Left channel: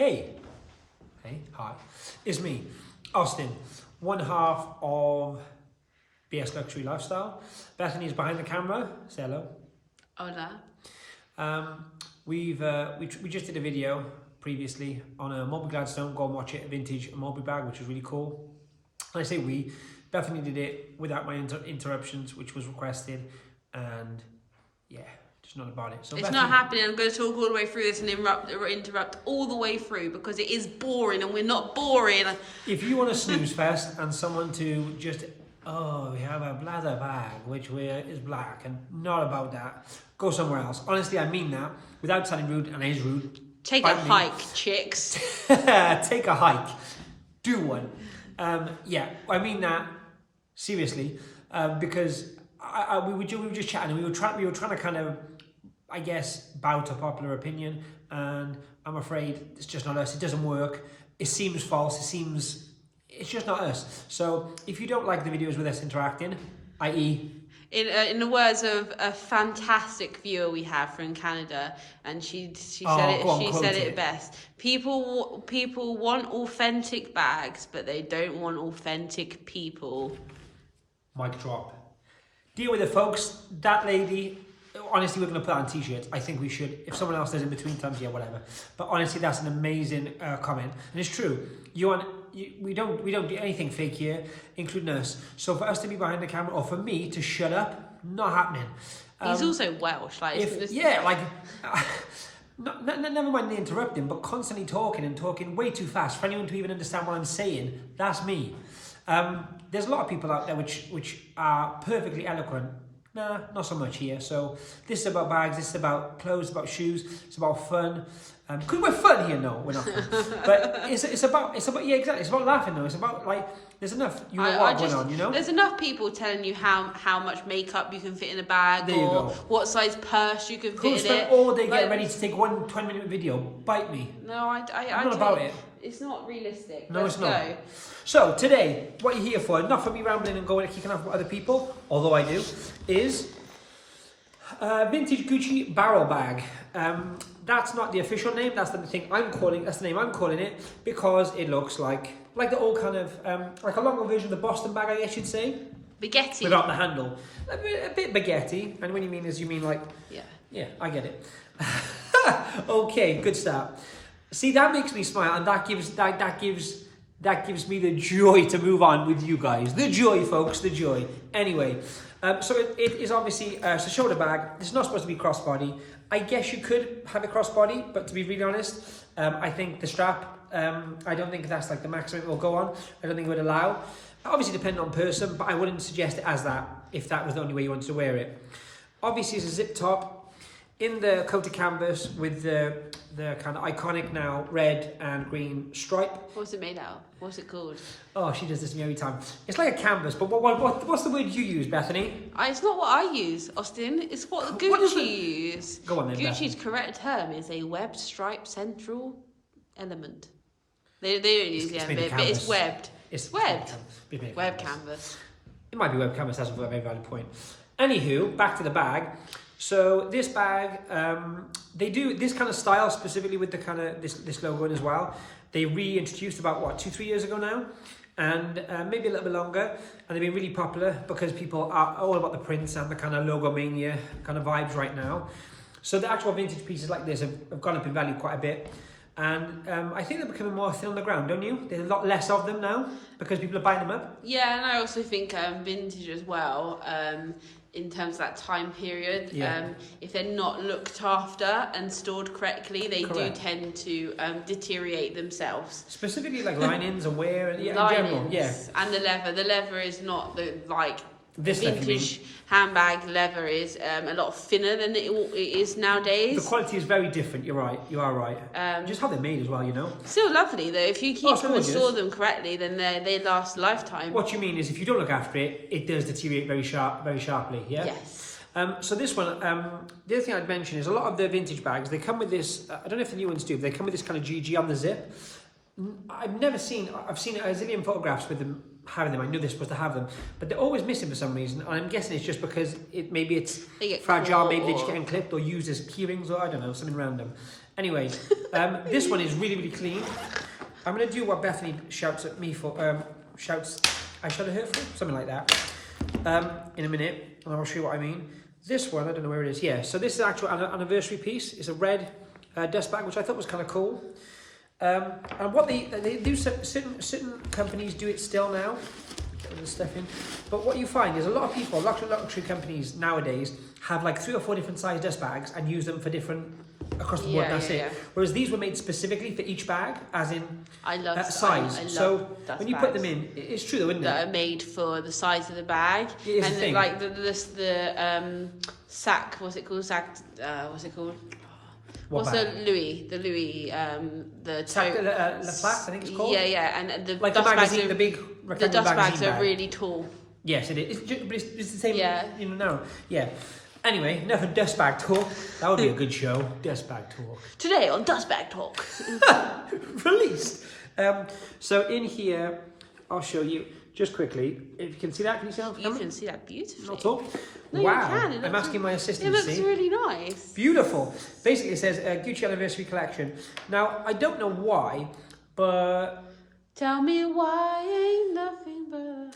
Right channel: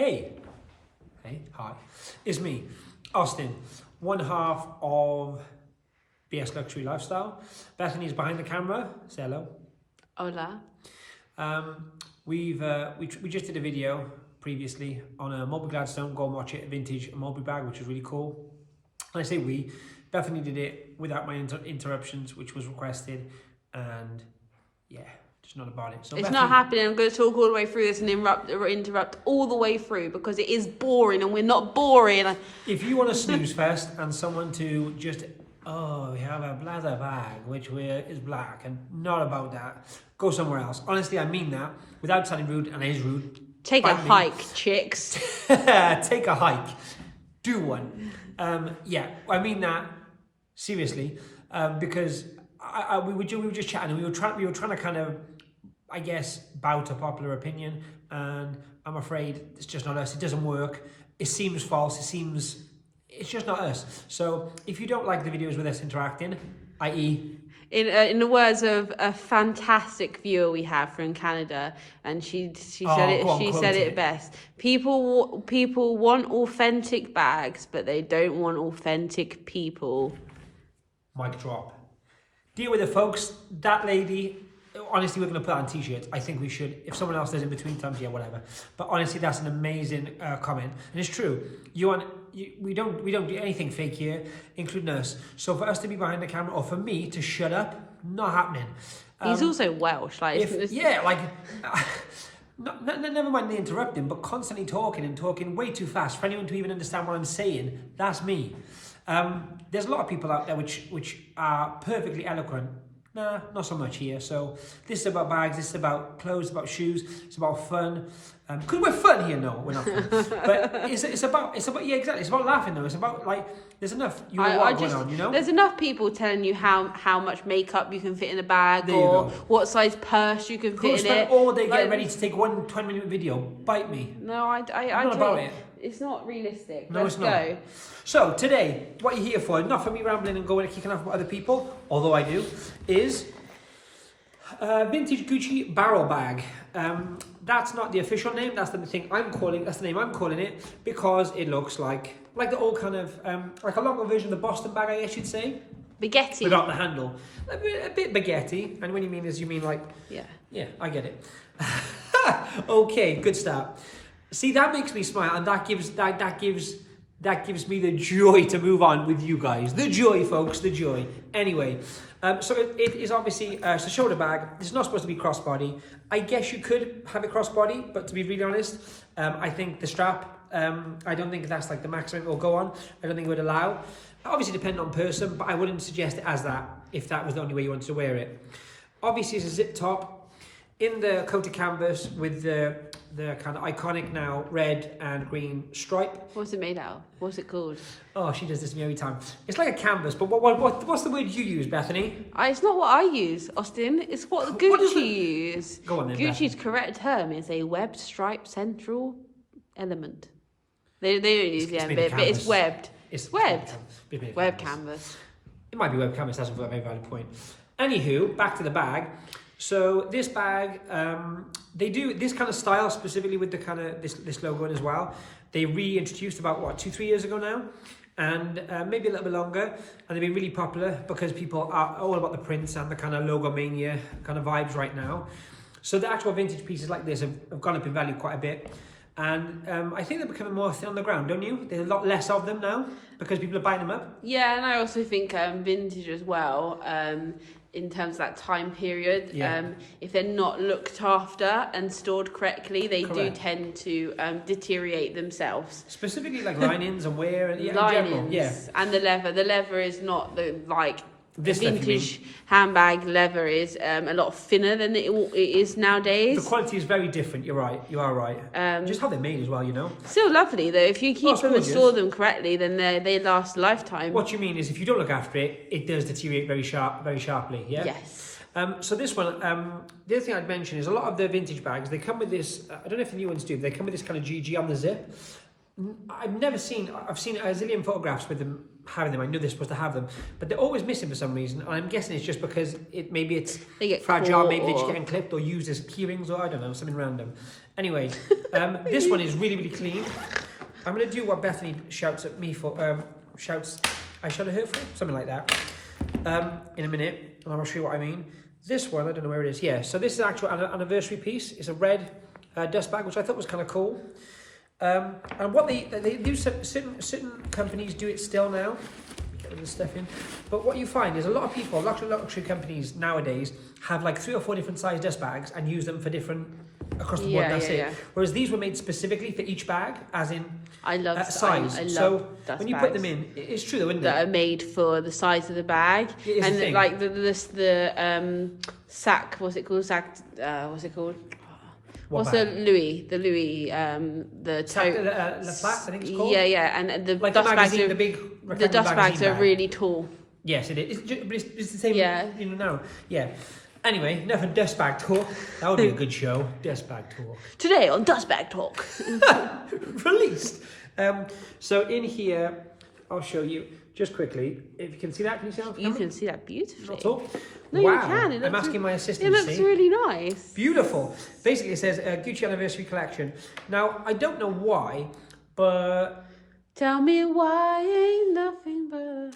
Hey, hi, it's me, Austin, one half of BS Luxury Lifestyle. Bethany is behind the camera. Say hello. Hola. We just did a video previously on a Mulberry Gladstone. Go and watch it. A vintage Mulberry bag, which was really cool. And I say we. Bethany did it without my interruptions, which was requested, and yeah. Just not about it. So it's Bethany, not happening. I'm going to talk all the way through this and interrupt all the way through because it is boring and we're not boring. If you want a snooze fest and someone to just, we have a bladder bag which is black and not about that, go somewhere else. Honestly, I mean that without sounding rude, and it is rude. Take a hike, chicks. Take a hike. Do one. Yeah, I mean that seriously, because we were just chatting and we were trying to kind of, I guess, bow to popular opinion, and I'm afraid it's just not us. It doesn't work. It seems false. It's just not us. So if you don't like the videos with us interacting, i.e. In the words of a fantastic viewer we have from Canada, and she said it best. People want authentic bags, but they don't want authentic people. Mic drop. Deal with it, folks. That lady. Honestly, we're going to put that on t-shirts. I think we should. If someone else does in between times, yeah, whatever. But honestly, that's an amazing comment, and it's true. We don't do anything fake here, including us. So for us to be behind the camera, or for me to shut up, not happening. He's also Welsh, never mind the interrupting, but constantly talking way too fast for anyone to even understand what I'm saying. That's me. There's a lot of people out there which are perfectly eloquent. Nah, not so much here. So this is about bags, this is about clothes, about shoes, it's about fun. Because we're fun here, no, we're not fun. But it's about yeah, exactly. It's about laughing though. It's about like there's enough going on, you know? There's enough people telling you how much makeup you can fit in a bag, there you go. What size purse you can fit in it. Who spent all day getting ready to take one 20-minute video? Bite me. No, I'm not about it. It's not realistic. No, it's not. So today, what you're here for, not for me rambling and going and kicking off with other people, although I do, is vintage Gucci barrel bag. That's not the official name. That's the thing I'm calling. That's the name I'm calling it because it looks like the old kind of like a longer version of the Boston bag, I guess you'd say. Baguette. Without the handle, a bit baguette. And when you mean like yeah, I get it. Okay, good start. See, that makes me smile, and that gives me the joy to move on with you guys. The joy, folks, the joy. Anyway, so it is obviously it's a shoulder bag. It's not supposed to be crossbody. I guess you could have it crossbody, but to be really honest, I think the strap. I don't think that's like the maximum it will go on. I don't think it would allow. Obviously, depending on person, but I wouldn't suggest it as that if that was the only way you wanted to wear it. Obviously, it's a zip top in the coated canvas with the kind of iconic now red and green stripe. What's it made out of? What's it called? Oh, she does this to me every time. It's like a canvas, but what's the word you use, Bethany? It's not what I use, Austin. It's what Gucci use. Go on then, Gucci's correct term is a webbed stripe central element. They don't use but it's webbed. It's webbed. Web canvas. It might be web canvas. That's a very valid point. Anywho, back to the bag. So this bag, they do this kind of style specifically with the kind of this logo in as well. They reintroduced about 2-3 years ago now, and maybe a little bit longer, and they've been really popular because people are all about the prints and the kind of logo mania kind of vibes right now. So the actual vintage pieces like this have gone up in value quite a bit, and I think they're becoming more thin on the ground, don't you? There's a lot less of them now because people are buying them up. Yeah, and I also think vintage as well. In terms of that time period, if they're not looked after and stored correctly, they do tend to deteriorate themselves. Specifically like linings and wear and in general, And the leather is not this vintage handbag leather is a lot thinner than it is nowadays. The quality is very different. You're right. You are right. Just how they're made as well, you know. Still lovely though. If you keep them and store them correctly, then they last a lifetime. What you mean is, if you don't look after it, it does deteriorate very sharply. Yeah. Yes. So this one, the other thing I'd mention is a lot of the vintage bags. They come with this. I don't know if the new ones do. But they come with this kind of GG on the zip. I've seen a zillion photographs with them having them. I knew they're supposed to have them, but they're always missing for some reason. And I'm guessing it's just because maybe it's fragile, maybe they're just getting clipped or used as key rings, or I don't know, something random. Anyway, this one is really, really clean. I'm going to do what Bethany shouts at me for, I shout at her for, something like that, in a minute, and I'll show you what I mean. This one, I don't know where it is. Yeah, so this is an actual anniversary piece. It's a red dust bag, which I thought was kind of cool. And what they do, certain companies do it still now. Get rid of the stuff in. But what you find is a lot of people, luxury companies nowadays, have like 3 or 4 different size dust bags and use them for different, across the board, that's it. Yeah. Whereas these were made specifically for each bag, as in size. So when you put them in, it's true though, isn't it? That are made for the size of the bag. It is and the thing. Like the sack, what's it called? What's it called? What What's bag? the Louis, the Sac de la Place, I think it's called. Yeah, and the like the magazine, the big rectangular dust magazine bags bag. are really tall. Yes, it is. But it's the same, you know, now. Yeah. Anyway, enough of dust bag talk. That would be a good show. Dust bag talk. Today on Dust Bag Talk. Released. So in here, I'll show you just quickly. If you can see that, can you see that? You can see that beautifully. Not at all. No, wow. you can. I'm asking my assistant to see. It looks really nice. Beautiful. Basically, it says Gucci Anniversary Collection. Now, I don't know why, but... Tell me why ain't nothing but...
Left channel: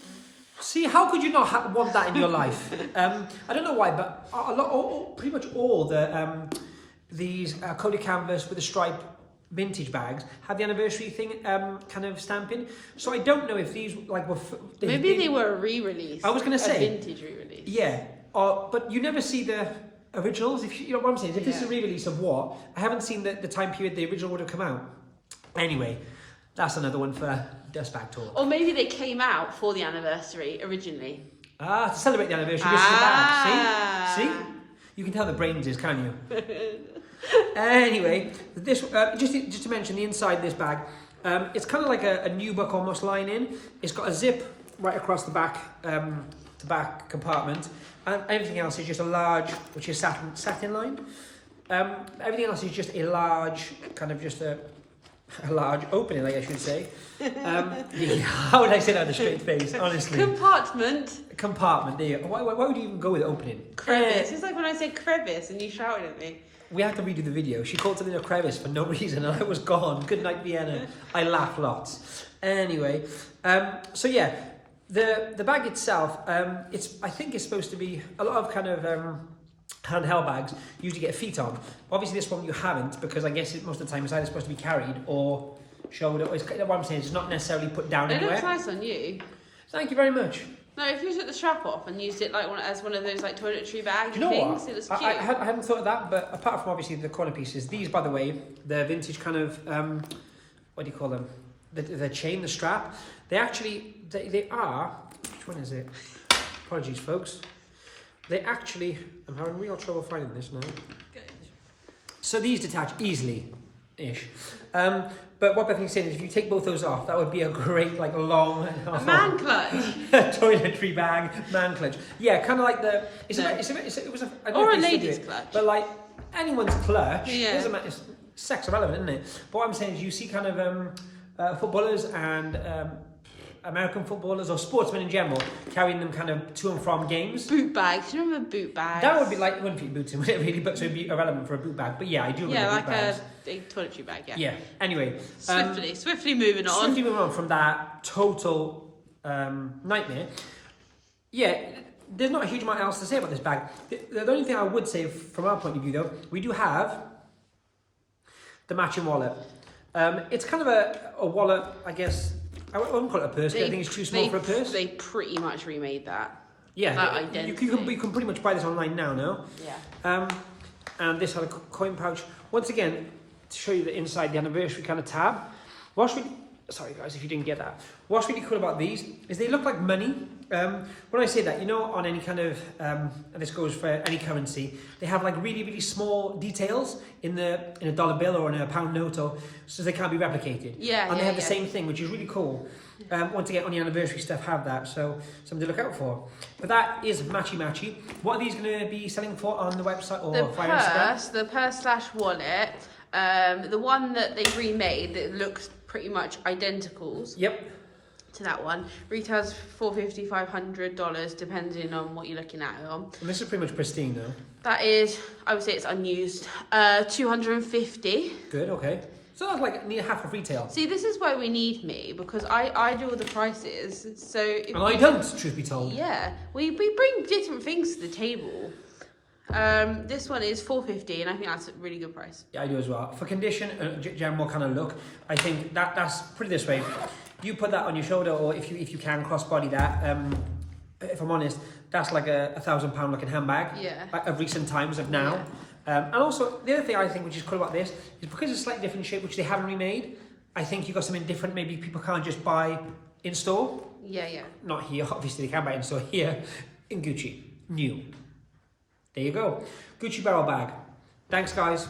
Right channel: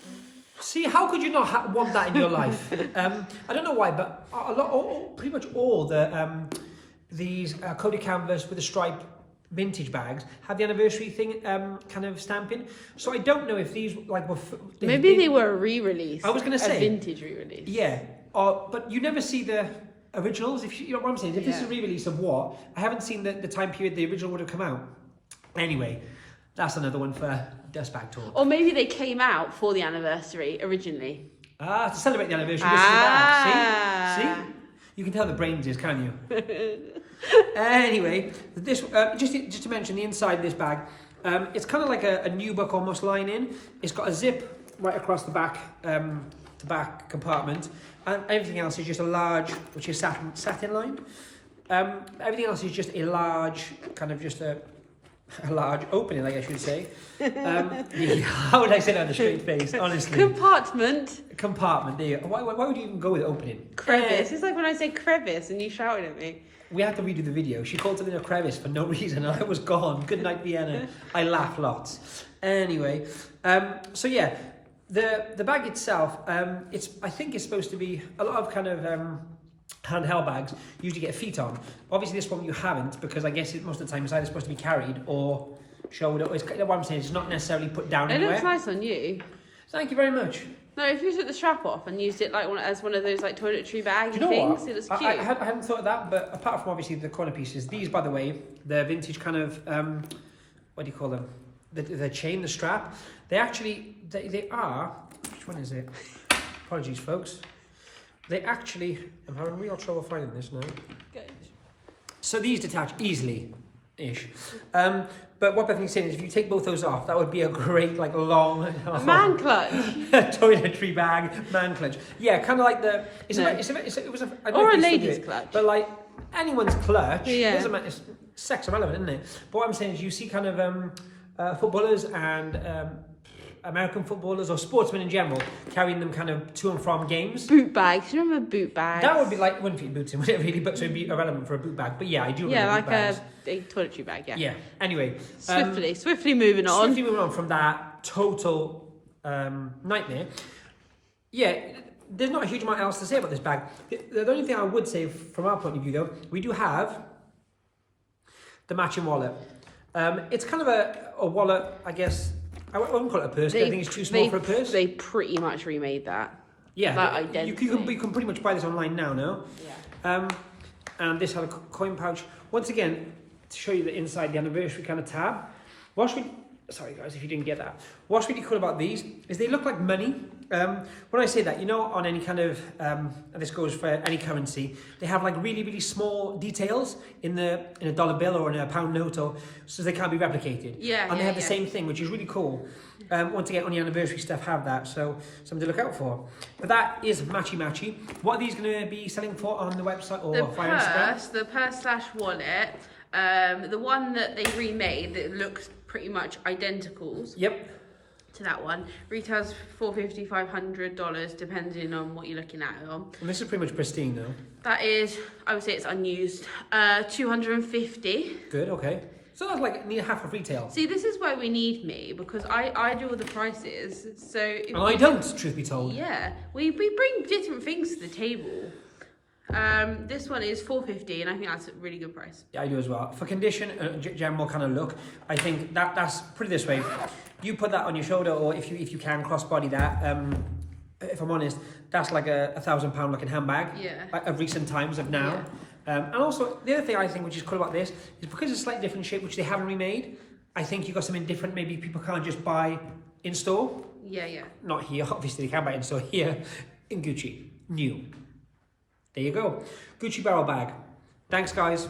See, how could you not want that in your life? I don't know why, but pretty much all these Cody Canvas with a stripe vintage bags have the anniversary thing kind of stamping. So I don't know if these like were... Maybe they were a re-release. I was going to say... A vintage re-release. Yeah, but you never see the originals. If you know what I'm saying? If this is a re-release of what, I haven't seen the time period the original would have come out. Anyway, that's another one for Dust Bag Talk. Or maybe they came out for the anniversary originally. To celebrate the anniversary, this is the bag. See? You can tell the brains is, can you? Anyway, this just to mention the inside of this bag, it's kind of like a nubuck almost lining. It's got a zip right across the back compartment, and everything else is just a large, which is satin lined. Everything else is just a large, kind of just a large opening, I guess you'd say. How would I say that with a straight face, honestly? Compartment, there you go. Why would you even go with opening? Crevice. It's like when I said crevice and you shouted at me. We had to redo the video. She called something a crevice for no reason and I was gone. Good night, Vienna. I laughed lots. Anyway, so yeah, the bag itself, I think it's supposed to be a lot of kind of handheld bags usually get feet on. Obviously this one you haven't, because I guess most of the time it's either supposed to be carried or shouldered. What I'm saying is it's not necessarily put down anywhere. It looks nice on you. Thank you very much. No, if you took the strap off and used it like as one of those like toiletry bags, do you know things, what? It looks cute. I hadn't thought of that, but apart from obviously the corner pieces, these, by the way, the vintage kind of what do you call them? The chain, the strap. They actually they are. Which one is it? Apologies, folks. They actually. I'm having real trouble finding this now. So these detach easily-ish. But what Bethany's saying is, if you take both those off, that would be a great, like, long... man clutch. Toiletry bag, man clutch. Yeah, kind of like the... It was a... I don't know if they still do it, clutch. but, like, anyone's clutch. Yeah. Doesn't matter. It's sex irrelevant, isn't it? But what I'm saying is, you see kind of footballers and... American footballers or sportsmen in general carrying them kind of to and from games. Boot bags. You remember boot bags? That would be like, wouldn't fit your boots in, would it really? But so it'd be irrelevant for a boot bag. But yeah, I do remember boot bags. Yeah, like a toiletry bag, yeah. Yeah, anyway. Swiftly moving on. Swiftly moving on from that total nightmare. Yeah, there's not a huge amount else to say about this bag. The only thing I would say from our point of view, though, we do have the matching wallet. It's kind of a wallet, I guess. I wouldn't call it a purse, I think it's too small for a purse. They pretty much remade that. Yeah, you can pretty much buy this online now, no? Yeah. And this had a coin pouch. Once again, to show you the inside, the anniversary kind of tab. Sorry guys, if you didn't get that. What's really cool about these is they look like money. When I say that, you know, on any kind of, and this goes for any currency, they have like really, really small details in a dollar bill or in a pound note, so they can't be replicated. Yeah. And they have the same thing, which is really cool. Once again, on the anniversary stuff have that, so something to look out for. But that is matchy. What are these going to be selling for on the website or via Instagram? The purse/wallet, the one that they remade that looks pretty much identical. Yep. to that one. Retails $450, $500 depending on what you're looking at it on. And this is pretty much pristine though. That is, I would say it's unused. 250. Good, okay. So that's like near half of retail. See, this is why we need me, because I do all the prices. So and I don't, truth be told. Yeah, we bring different things to the table. This one is $450, and I think that's a really good price. Yeah, I do as well. For condition, general kind of look, I think that's, put it this way, you put that on your shoulder, or if you can crossbody that, if I'm honest, that's like a £1,000 looking handbag. Yeah. Of recent times, of now. Yeah. And also, the other thing I think which is cool about this is because it's slightly different shape, which they haven't remade, I think you got something different. Maybe people can't just buy in store. Yeah, yeah. Not here, obviously they can buy in store. Here, in Gucci, new. There you go. Gucci barrel bag. Thanks, guys.